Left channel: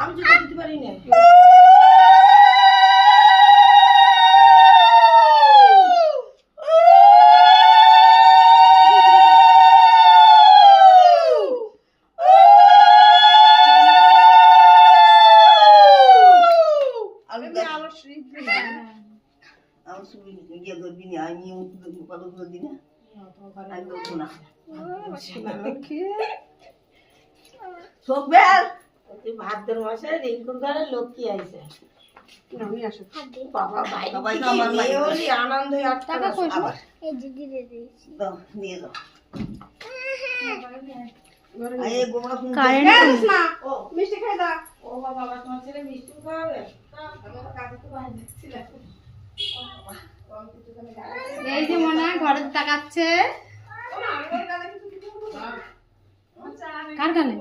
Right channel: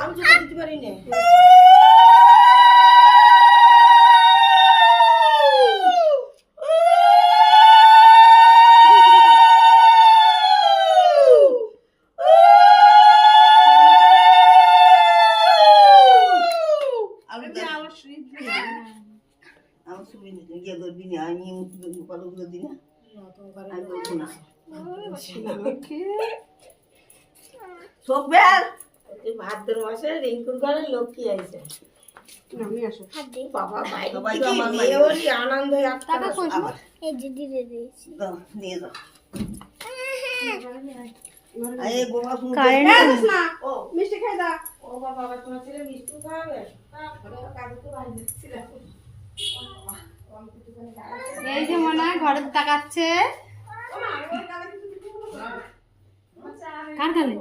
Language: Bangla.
আমি জুতো দিতে পারি না। আমি শুনি গিয়ে ধরবি না, আমি কতগুলো দিন ভাদ্র মাসে রিঙ্কুর ঘরে লক্ষ্মী আইছে। বাবা বাইরে আনন্দ নিয়ে যাও। মিষ্টি খাই দা। ও বাবা তোমার ছেলে মিষ্টি খাবে? এই যে মনে হয় ঘরে তাকাচ্ছে। কার গালে?